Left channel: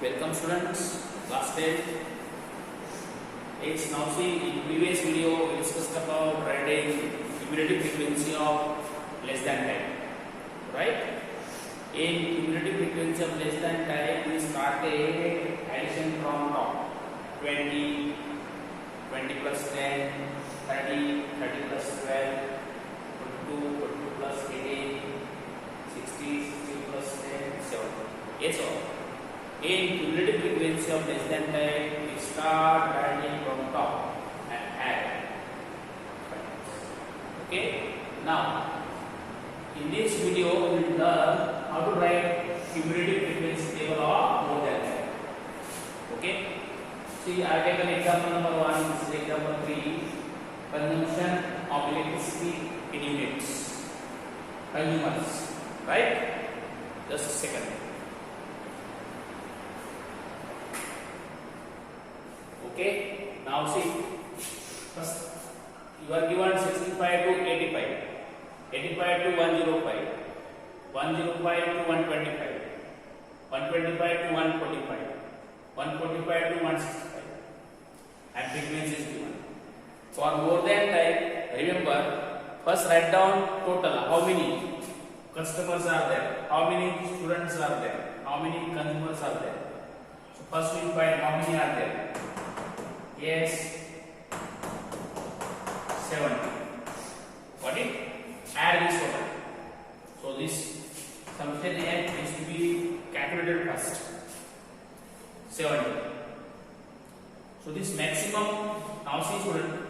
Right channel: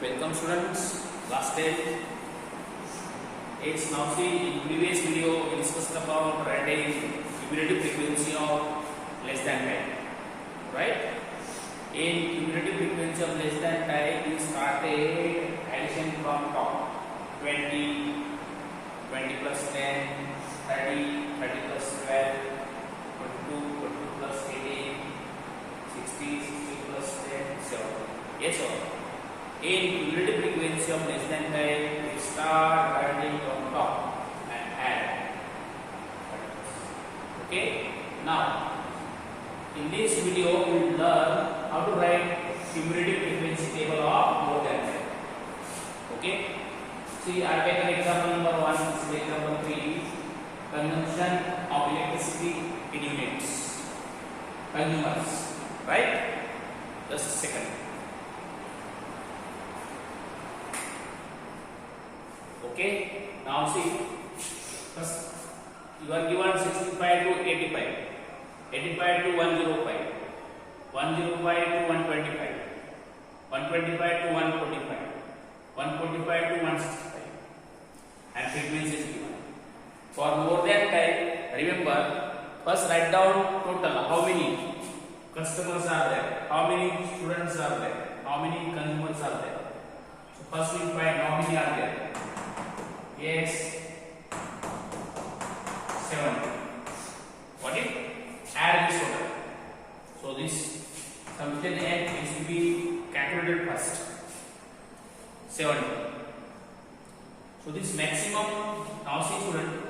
Welcome students, last day. It's now see in previous video we discussed about writing cumulative frequency of less than type, right? In cumulative frequency of less than type we started addition from top 20, 20 plus 10, 30, 30 plus 12, 42, 42 plus 18, 60, 60 plus 10, 7. Yes or no? In cumulative frequency of less than type, we start writing from top and add. Okay. Now, in this video, we will learn how to write cumulative frequency table of more than type. Okay. See, I take an example number 1. This is example 3. Consumption of electricity in units. Consumers. Right? Just a second. Okay, now see, first you are given 65 to 85, 85 to 105, 105 to 125, 125 to 145, 145 to 165, and frequency is given. For more than type, remember, first write down total, how many customers are there, how many students are there, how many consumers are there. So first we find how many are there. Yes, 70. What is? Add this total. So this summation needs to be calculated first. 70. So this maximum now see student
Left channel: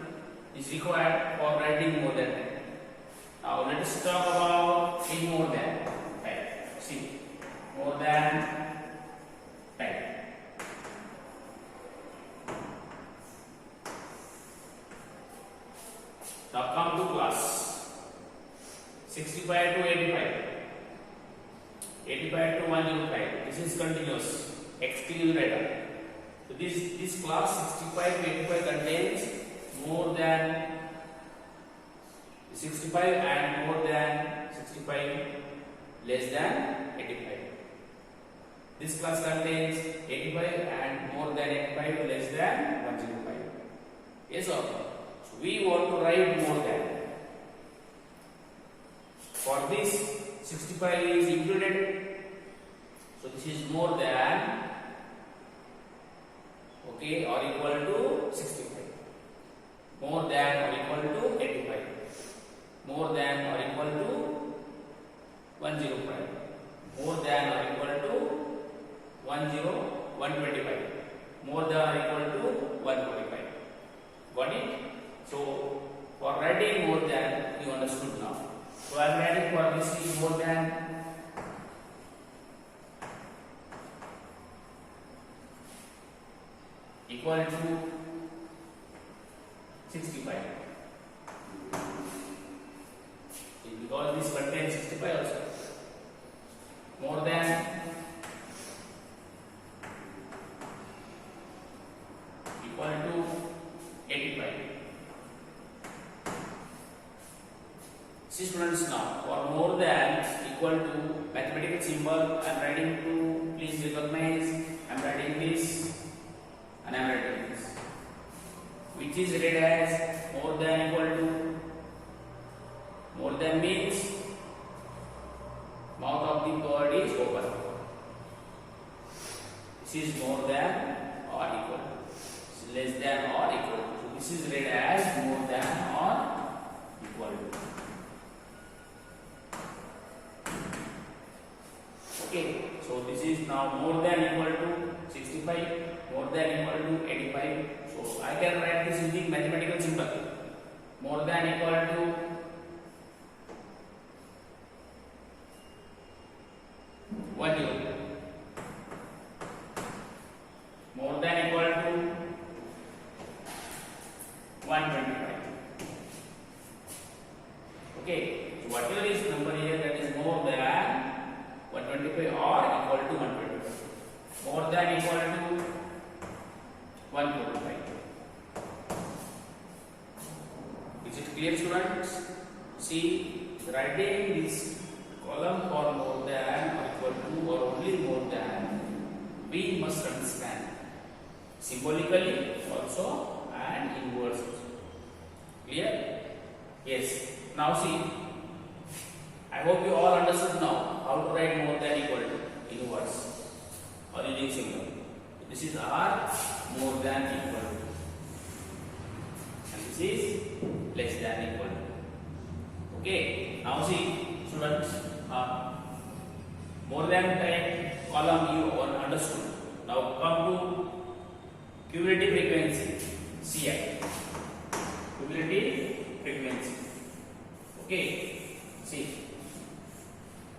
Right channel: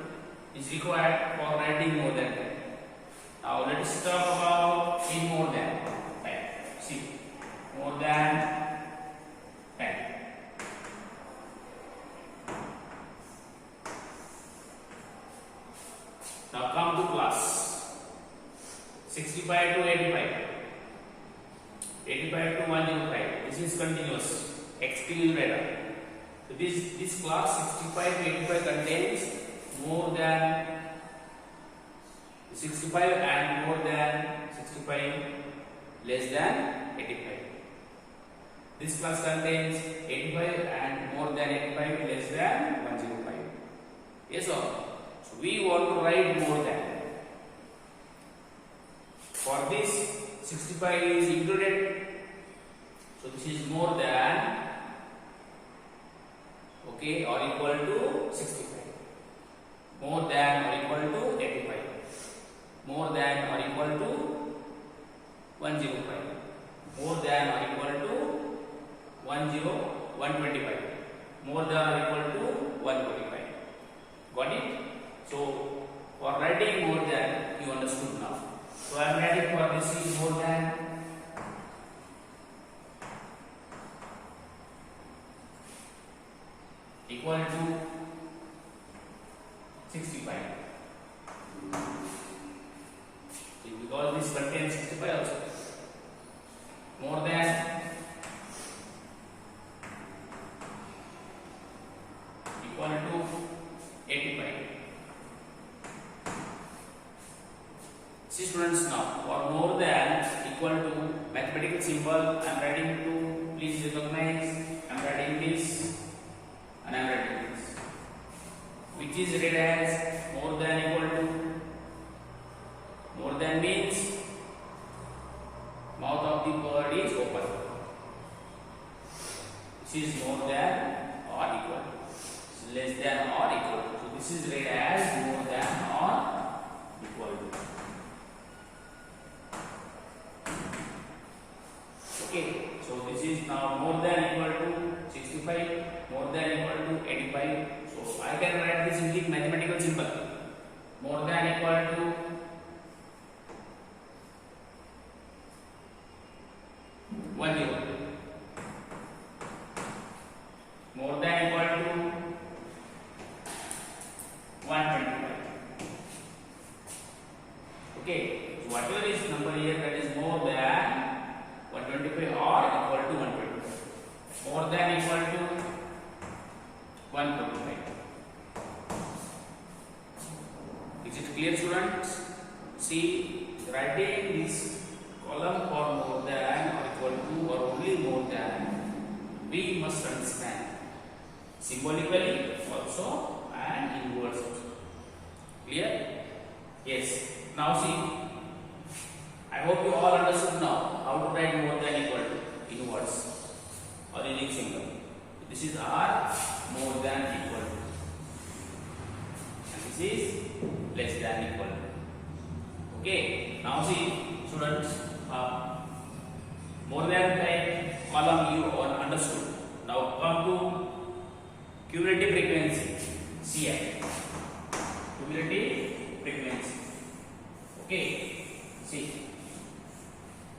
is required for writing more than. Now let us talk about in more than type. See, more than type. Now come to class 65 to 85, 85 to 105. This is continuous, extreme radar. So this class 65 to 85 contains more than 65 and more than 65, less than 85. This class contains 85 and more than 85, less than 105. Yes or no? We want to write more than. For this 65 is included. So this is more than, okay, or equal to 65. More than or equal to 85. More than or equal to 105. More than or equal to 125. More than or equal to 145. Got it? So, for writing more than, you understood now. So, I am writing for this is more than equal to 65. Because this contains 65 also. More than equal to 85. See students, now for more than equal to mathematical symbol I am writing to, please recognize, I am writing this and I am writing this, which is read as more than equal to. More than means mouth of the bird is open. This is more than or equal to. This is less than or equal to. So this is read as more than or equal to. Okay, so this is now more than equal to 65, more than equal to 85. So I can write this in the mathematical symbol. More than equal to 10. More than equal to 125. Okay, so whatever is number here, that is more than 125 or equal to 125. More than equal to 125. Is it clear students? See, writing this column for more than or equal to or only more than, we must symbolically also and in words also. Clear? Yes. Now see, I hope you all understood now how to write more than equal to in words or in symbol. This is R more than equal to, and this is less than equal to. Okay. Now see, students, more than type column you all understood. Now come to cumulative frequency, CF. Cumulative frequency. Okay. See,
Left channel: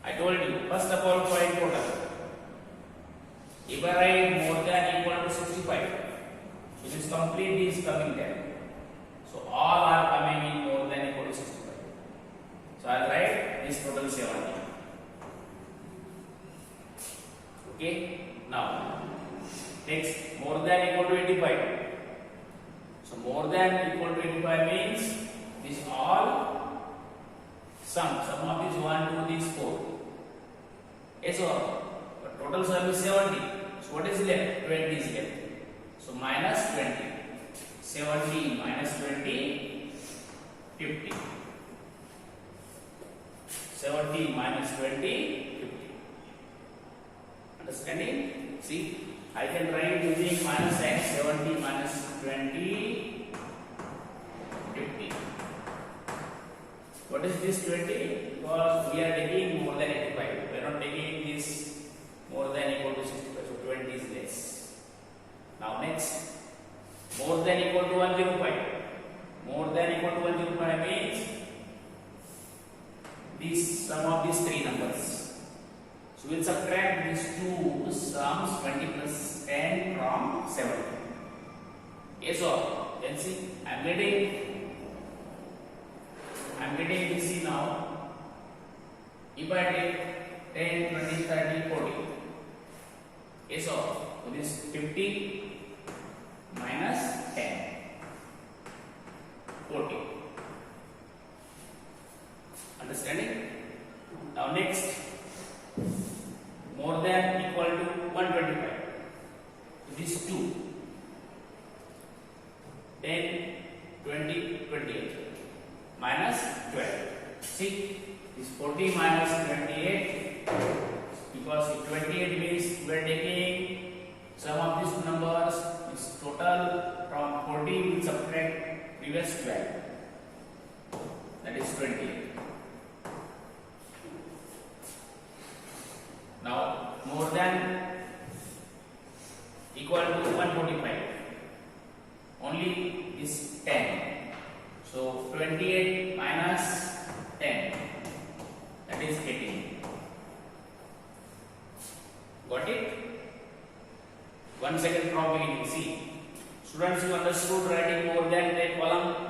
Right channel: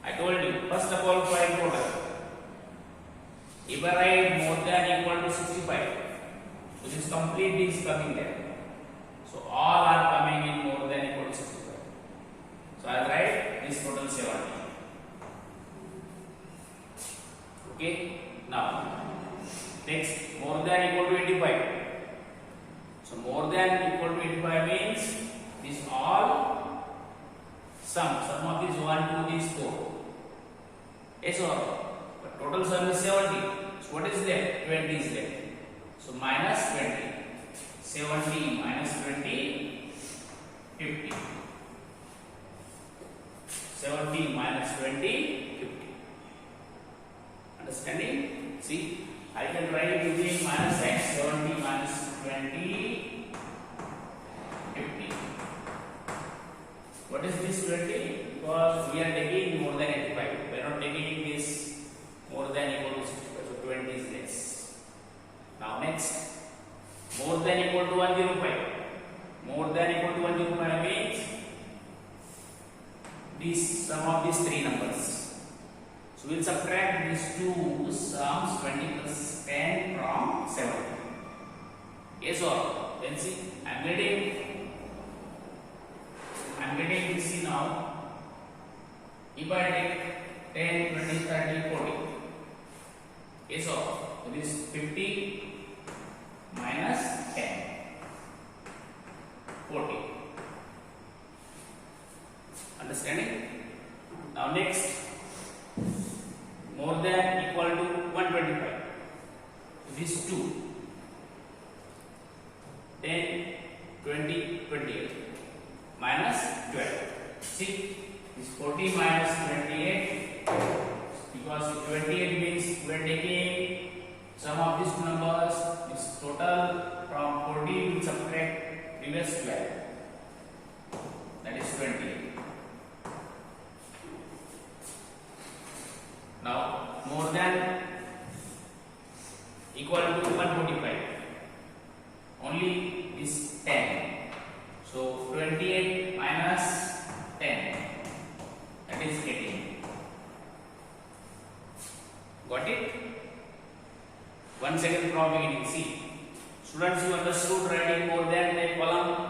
I told you, first of all, find total. If I write more than equal to 65, which is complete is coming there. So all are coming in more than equal to 65. So I will write this total 70. Okay. Now, next, more than equal to 85. So more than equal to 85 means these all sum of these 1, 2, these 4. Yes or but total sum is 70. So what is left? 20 is left. So minus 20. 70 minus 20, 50. 70 minus 20, 50. Understanding? See, I can write using minus sign. 70 minus 20, 50. What is this 20? Because we are taking more than 85. We are not taking this more than equal to 65. So 20 is less. Now next, more than equal to 105. More than equal to 105 means this sum of these three numbers. So we will subtract these two sums, 20 plus 10 from 70. Yes or? Then see, I am getting this see now. If I take 10, 20, 30, 40. Yes or? So this 50 minus 10. 40. Understanding? Now next, more than equal to 125. This 2. 10, 20, 28. Minus 12. See, this 40 minus 28. Because 28 means we are taking sum of these two numbers. This total from 40 we will subtract previous 12. That is 28. Now, more than equal to 145. Only this 10. So 28 minus 10. That is 18. Got it? 1 second from beginning. See, students, you understood writing more than the column.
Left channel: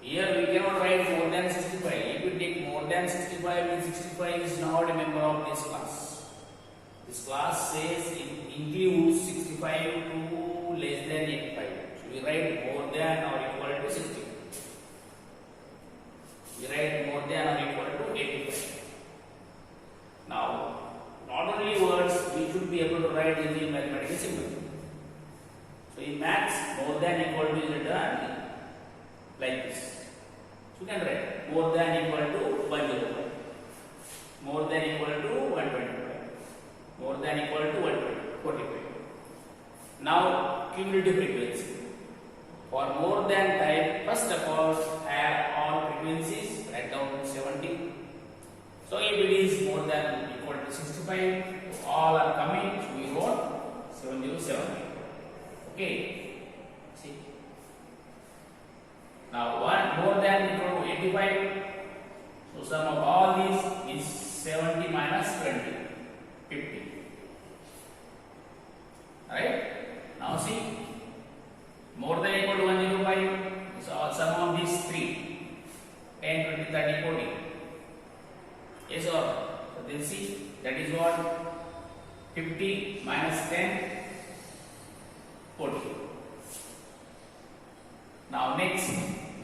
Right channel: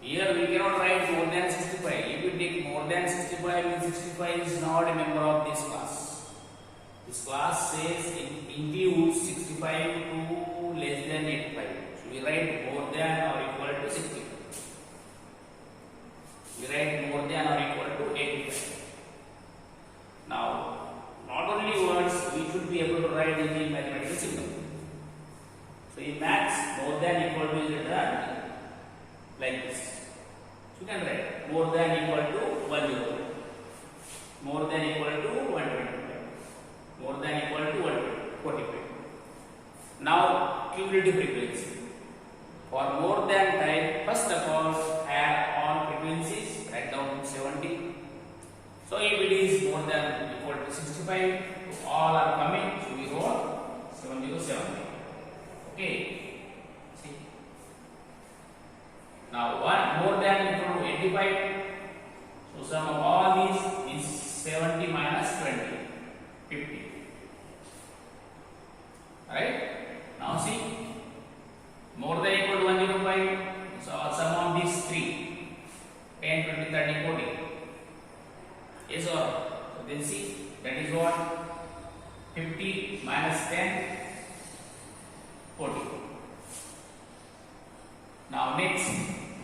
Here we cannot write more than 65. If you take more than 65, means 65 is not a member of this class. This class says it includes 65 to less than 85. So we write more than or equal to 65. We write more than or equal to 85. Now, not only words, we should be able to write using mathematical symbol. So in maths, more than equal to is written like this. You can write more than equal to 105, more than equal to 125, more than equal to 145. Now cumulative frequency. For more than type, first of all add all frequencies, write down 70. So if it is more than equal to 65, all are coming, so we wrote 7070. Okay. See. Now one more than equal to 85. So sum of all these is 70 minus 20, 50. Right? Now see, more than equal to 105. So sum of these three, 10, 20, 30, 40. Yes or? So then see, that is what? 50 minus 10, 40. Now next,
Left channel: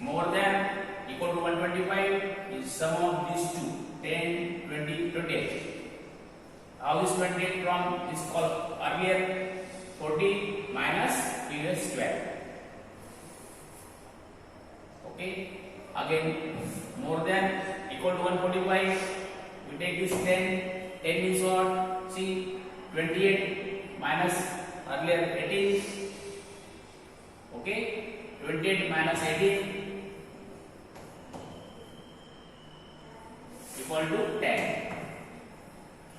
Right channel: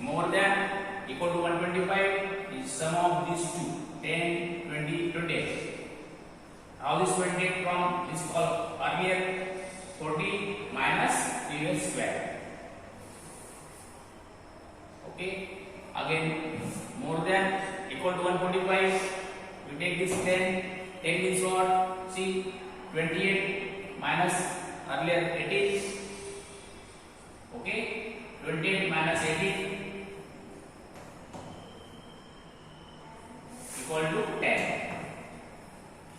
more than equal to 125 is sum of these two, 10, 20, 28. How is 28 from this column? Earlier 40 minus previous 12. Okay, again more than equal to 145, we take this 10 means what? See, 28 minus earlier 18. Okay, 28 minus 18 equal to 10.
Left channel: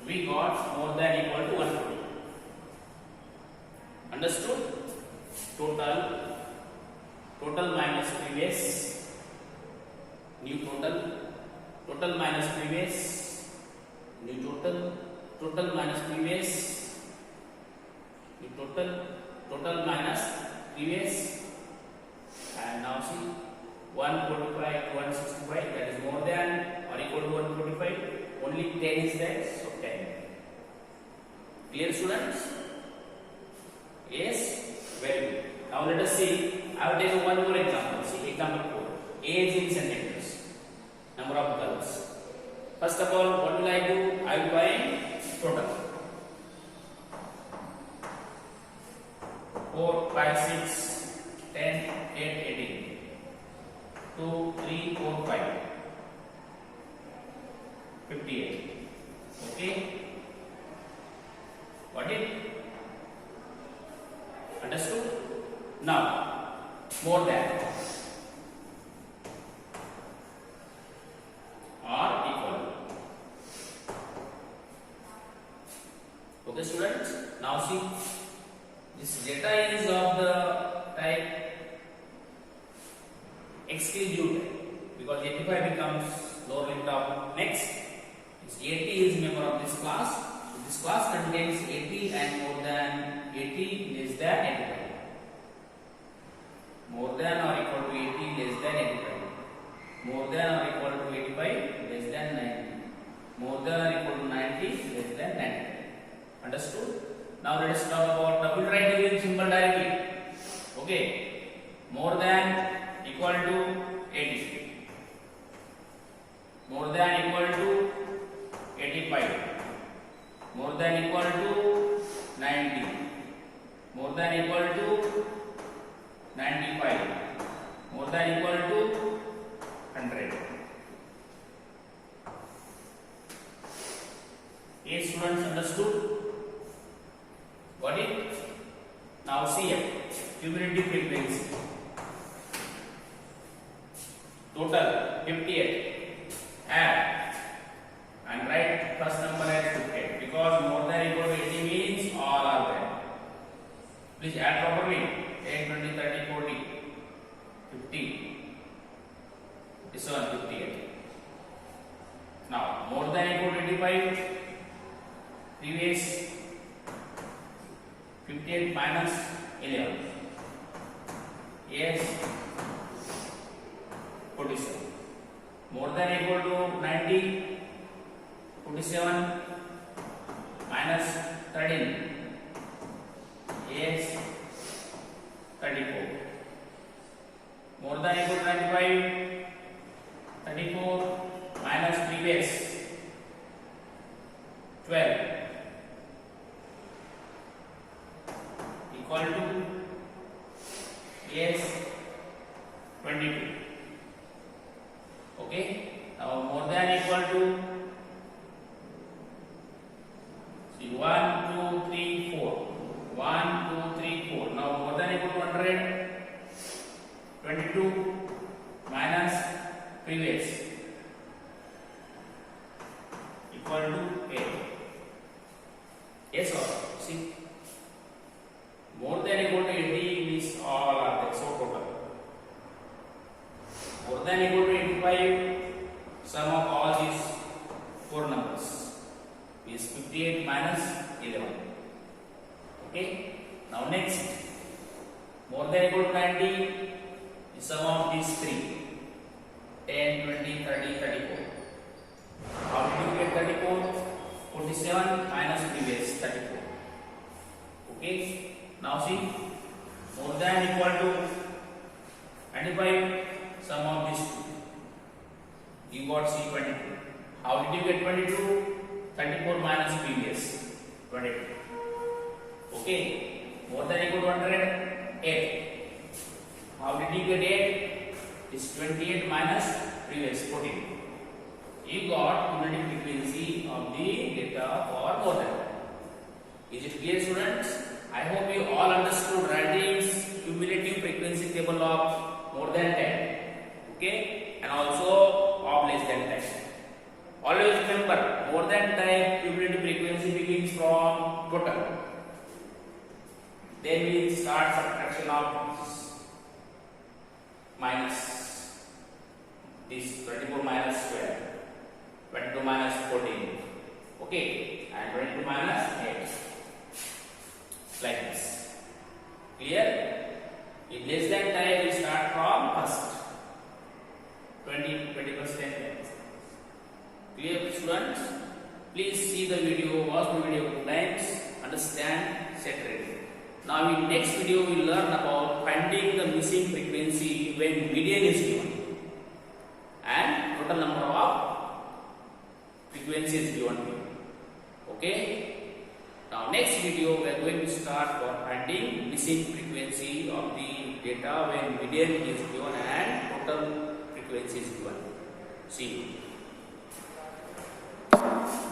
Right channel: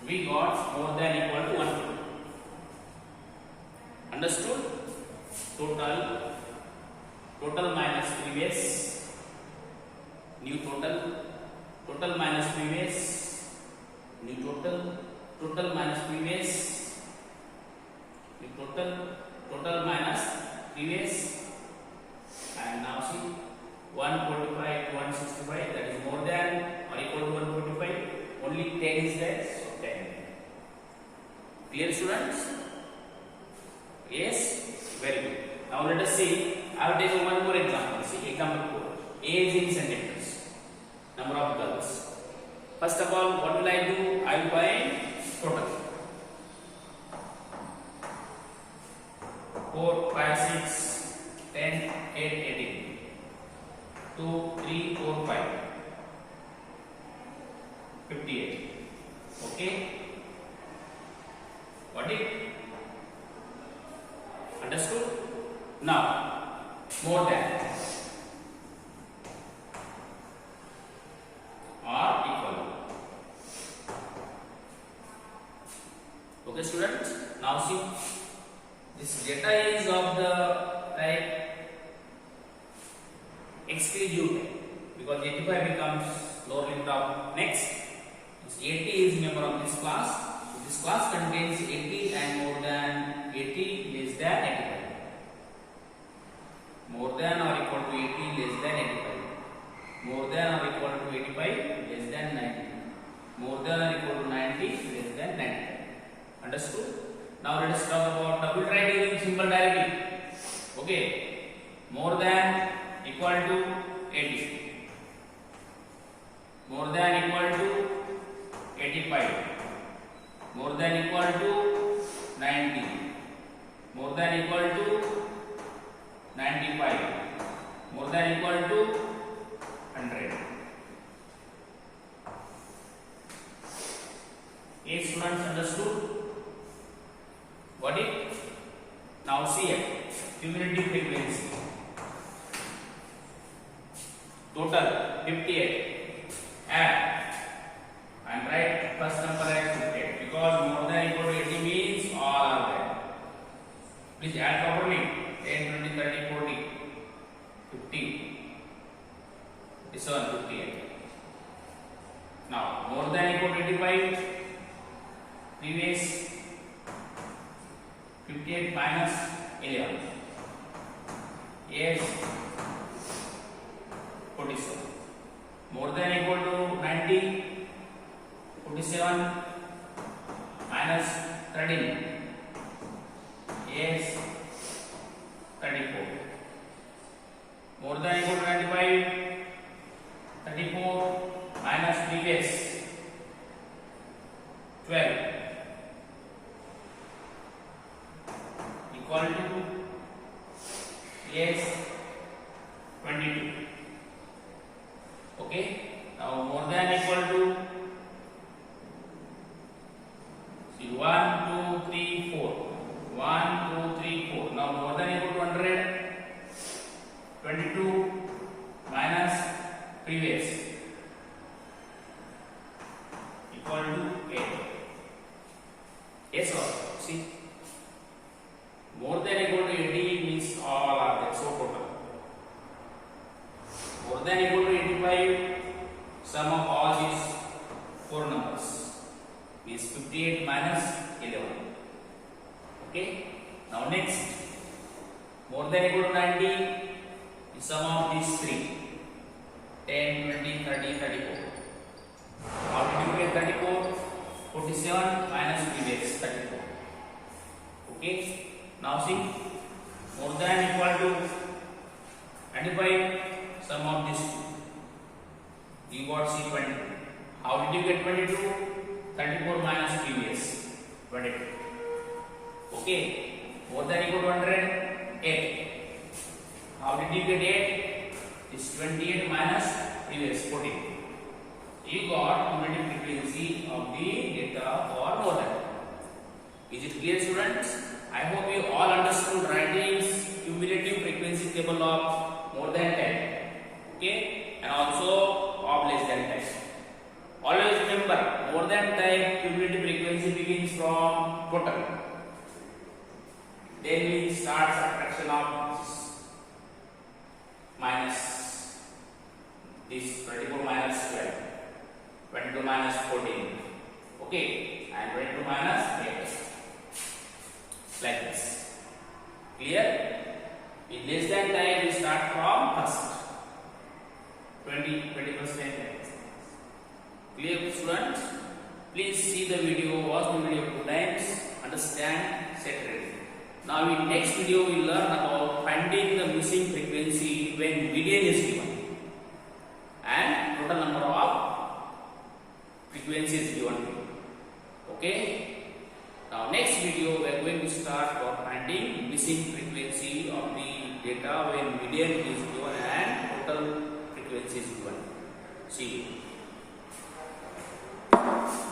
We got more than equal to 140. Understood? Total minus previous, new total minus previous, new total minus previous, new total minus previous, and now see 145 to 165, that is more than or equal to 145. Only 10 is there, so 10. Clear, students? Yes, very good. Now let us see. I will take one more example. See, example 4. Age in centimeters. Number of girls. First of all, what will I do? I will find total. 4, 5, 6, 10, 8, 18. 2, 3, 4, 5. 58. Okay. What it? Understood? Now, more than or equal to. Okay, students. Now see, this data is of the type exclusive type, because 85 becomes lower limit of next. This 80 is member of this class. So this class contains 80 and more than 80 less than 85. More than or equal to 80 less than 85. More than or equal to 85 less than 90. More than or equal to 90 less than 95. Understood? Now let us talk about double triangle symbol directly. Okay. More than equal to 80. More than equal to 85. More than equal to 90. More than equal to 95. More than equal to 100. Yes, students, understood? What it? Now see here, cumulative frequency. Total 58. Add and write first number as 58, because more than equal to 80 means all are there. Please add properly. 10, 20, 30, 40, 50, 57, 58. Now, more than equal to 85, previous 58 minus 11. Yes, 47. More than equal to 90, 47 minus 13. Yes, 34. More than equal to 95, 34 minus previous 12 equal to, yes, 22. Okay. Now more than equal to, see, 1, 2, 3, 4. 1, 2, 3, 4. Now more than equal to 100. 22 minus previous equal to 8. Yes or no? See, more than equal to 80 means all are there, so total. More than equal to 85, sum of all these four numbers is 58 minus 11. Okay. Now next, more than equal to 90, the sum of these three, 10, 20, 30, 34. How did you get 34? 47 minus previous 34. Okay. Now see, more than equal to 95, sum of these two. You got C 22. How did you get 22? 34 minus previous 22. Okay. More than equal to 100? 8. How did you get 8? It's 28 minus previous 14. You got cumulative frequency of the data for more than. Is it clear, students? I hope you all understood writing cumulative frequency table of more than 10. Okay? And also of less than 10. Always remember, more than 10 cumulative frequency begins from total. Then we start subtraction of minus this 24 minus 12, 22 minus 14, okay, and 22 minus 8, like this. Clear? In less than 10 we start from first 20%. Clear, students? Please see the video, watch the video 2 times, understand, set ready. Now in next video we will learn about finding the missing frequency when median is given and total number of frequencies given to you. Okay? Now next video we are going to start for finding missing frequency of the data when median is given and total frequency is given. See you.